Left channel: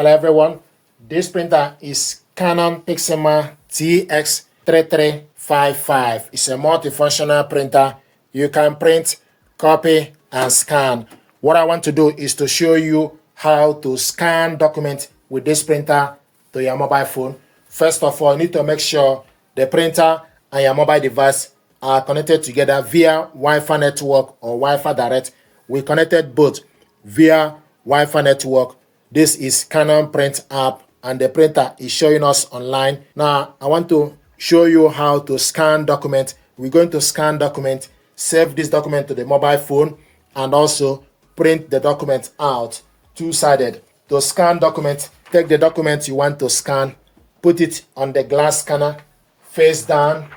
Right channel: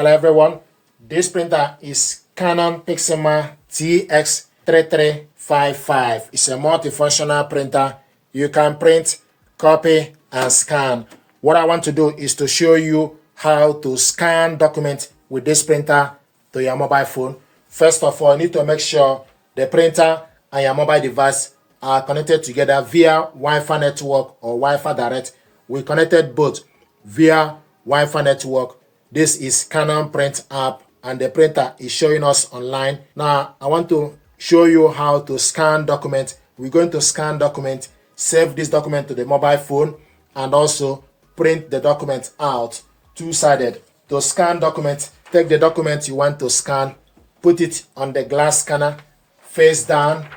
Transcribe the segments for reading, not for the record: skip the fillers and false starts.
Hello everyone, this printer is Canon Pixma TS3355. It's a multifunctional printer. You can print, copy, and scan. What I want to do is to show you how to scan documents with this printer to your mobile phone. First of all, you need to make sure the printer and your mobile device are connected together via Wi-Fi network or Wi-Fi direct. We connected both via Wi-Fi network. This is Canon Print app and the printer is showing us online. Now, I want to show you how to scan document. We're going to scan document, save this document to the mobile phone, and also print the document out two-sided. To scan document, take the document you want to scan, put it on the glass scanner, face down.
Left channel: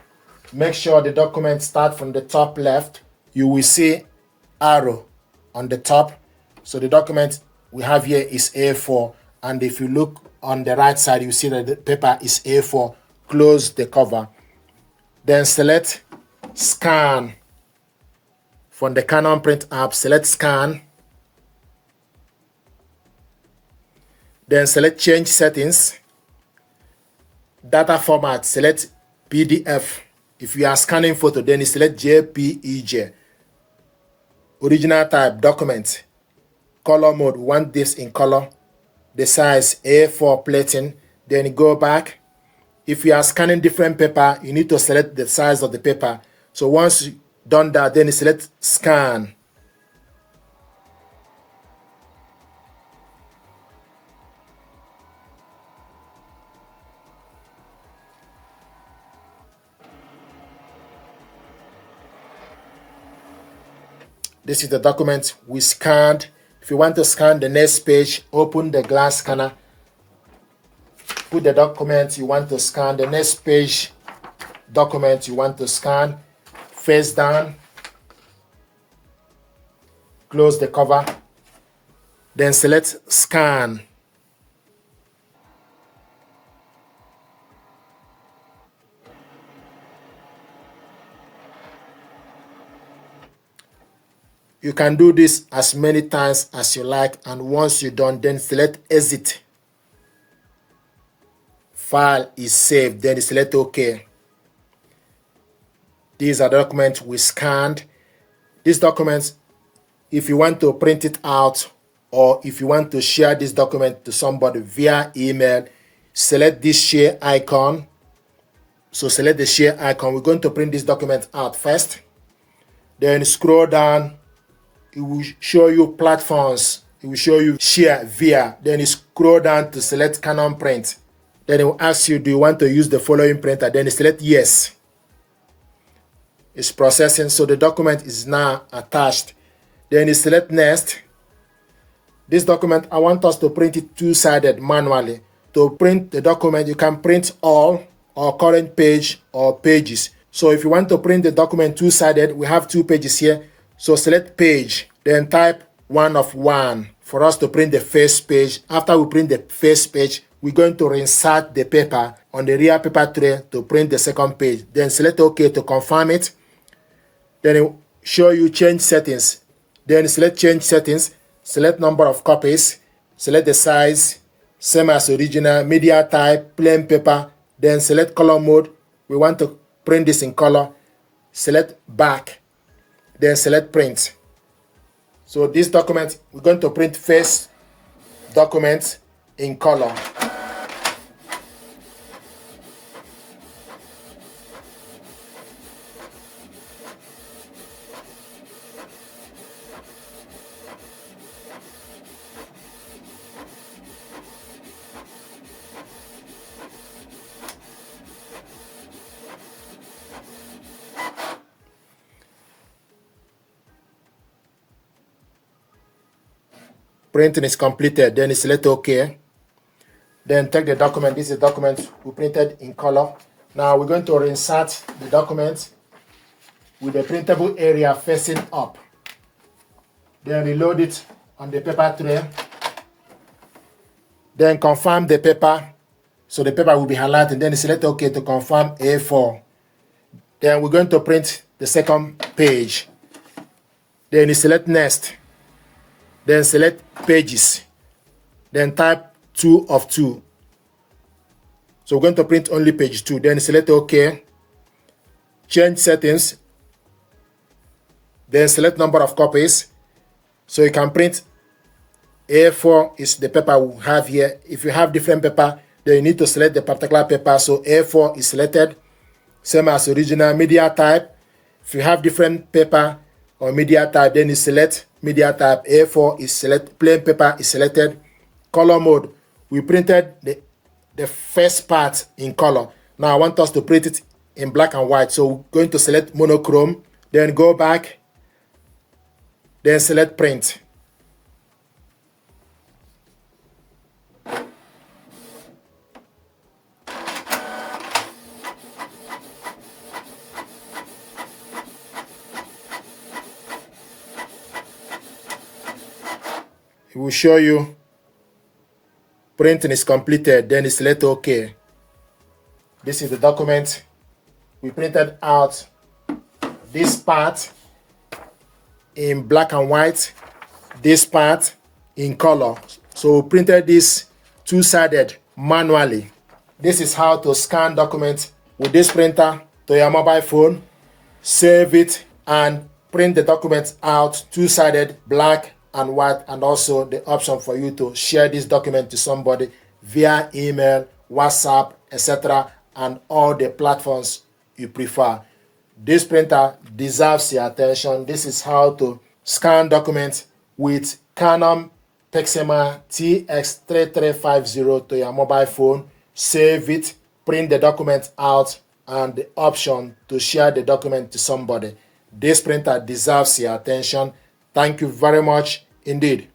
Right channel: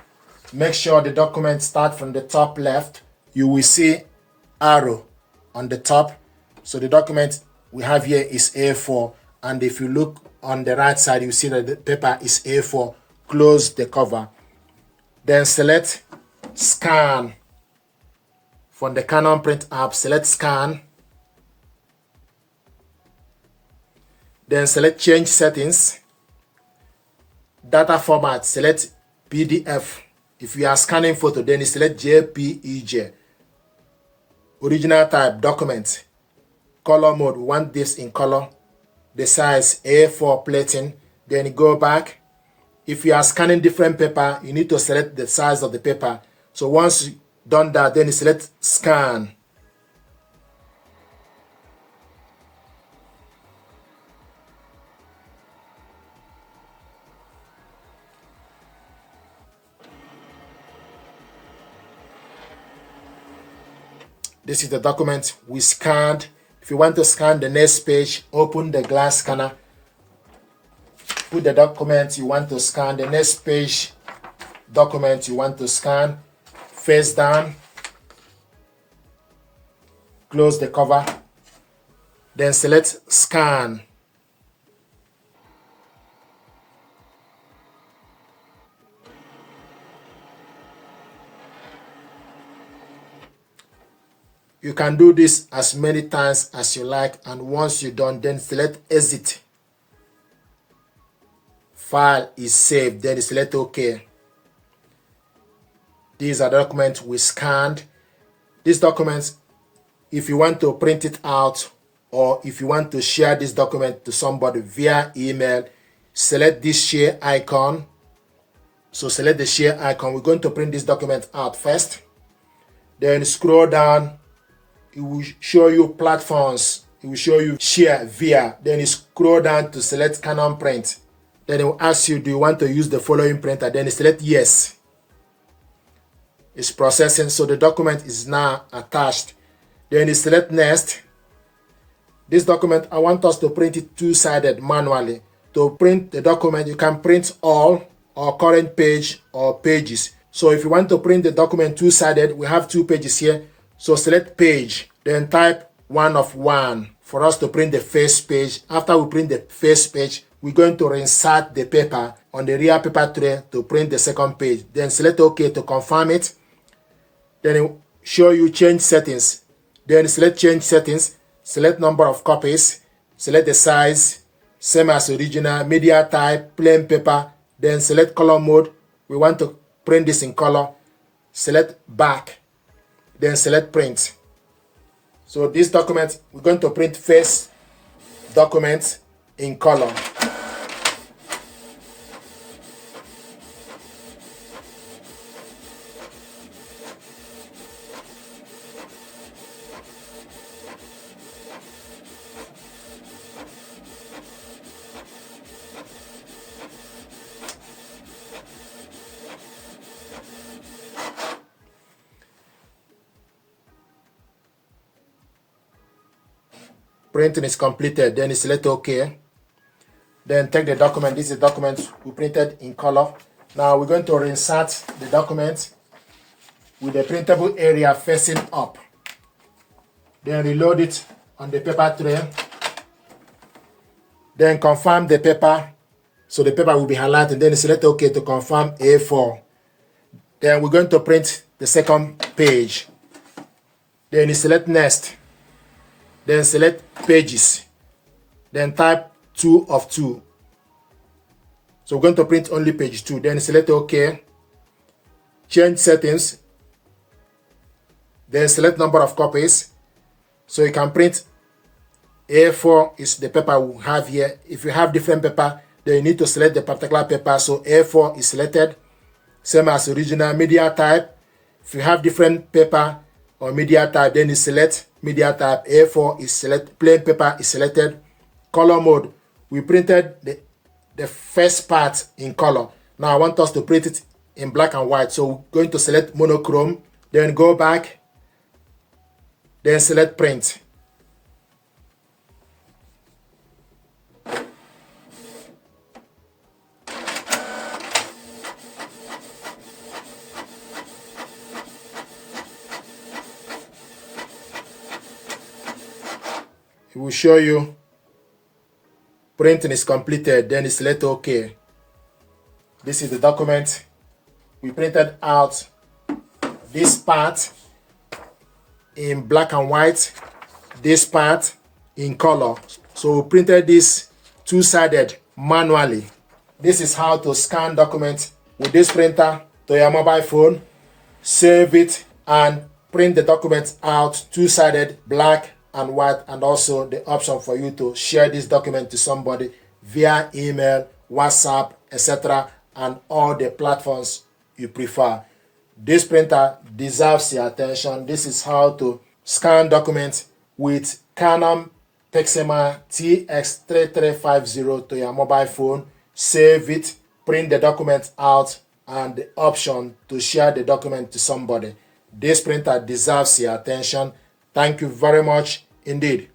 Make sure the document starts from the top left. You will see arrow on the top. So the document we have here is A4, and if you look on the right side, you see that the paper is A4. Close the cover. Then select Scan. From the Canon Print app, select Scan. Then select Change Settings. Data format, select PDF. If you are scanning photo, then you select JPEG. Original type, document. Color mode, we want this in color. The size A4 plating. Then go back. If you are scanning different paper, you need to select the size of the paper. So once you've done that, then you select Scan. This is the document we scanned. If you want to scan the next page, open the glass scanner. Put the document you want to scan, the next page document you want to scan, face down. Close the cover. Then select Scan. You can do this as many times as you like, and once you're done, then select Exit. File is saved, then select OK. These are documents we scanned. These documents, if you want to print it out or if you want to share this document to somebody via email, select this share icon. So select the share icon. We're going to print this document out first. Then scroll down. It will show you platforms. It will show you share via. Then you scroll down to select Canon Print. Then it will ask you, do you want to use the following printer? Then you select yes. It's processing, so the document is now attached. Then you select next. This document, I want us to print it two-sided manually. To print the document, you can print all or current page or pages. So if you want to print the document two-sided, we have two pages here. So select page, then type 1 of 1 for us to print the first page. After we print the first page, we're going to reinsert the paper on the rear paper tray to print the second page. Then select OK to confirm it. Then it will show you change settings. Then select change settings, select number of copies, select the size, same as original, media type, plain paper. Then select color mode. We want to print this in color. Select back. Then select print. So this document, we're going to print first document in color. Printing is completed, then you select OK. Then take the document. This is the document we printed in color. Now we're going to reinsert the document with the printable area facing up. Then reload it on the paper tray. Then confirm the paper. So the paper will be highlighted. Then you select OK to confirm A4. Then we're going to print the second page. Then you select next. Then select pages. Then type 2 of 2. So we're going to print only page 2. Then select OK. Change settings. Then select number of copies. So you can print A4 is the paper we have here. If you have different paper, then you need to select the particular paper. So A4 is selected. Same as original. Media type. If you have different paper or media type, then you select media type. A4 is select. Plain paper is selected. Color mode. We printed the first part in color. Now I want us to print it in black and white. So we're going to select monochrome. Then go back. Then select print. It will show you printing is completed, then select OK. This is the document. We printed out this part in black and white, this part in color. So we printed this two-sided manually. This is how to scan documents with this printer to your mobile phone, save it, and print the document out two-sided, black and white, and also the option for you to share this document to somebody via email, WhatsApp, etc., and all the platforms you prefer. This printer deserves your attention. This is how to scan documents with Canon Pixma TS3355 to your mobile phone, save it, print the document out, and the option to share the document to somebody. This printer deserves your attention. Thank you very much indeed.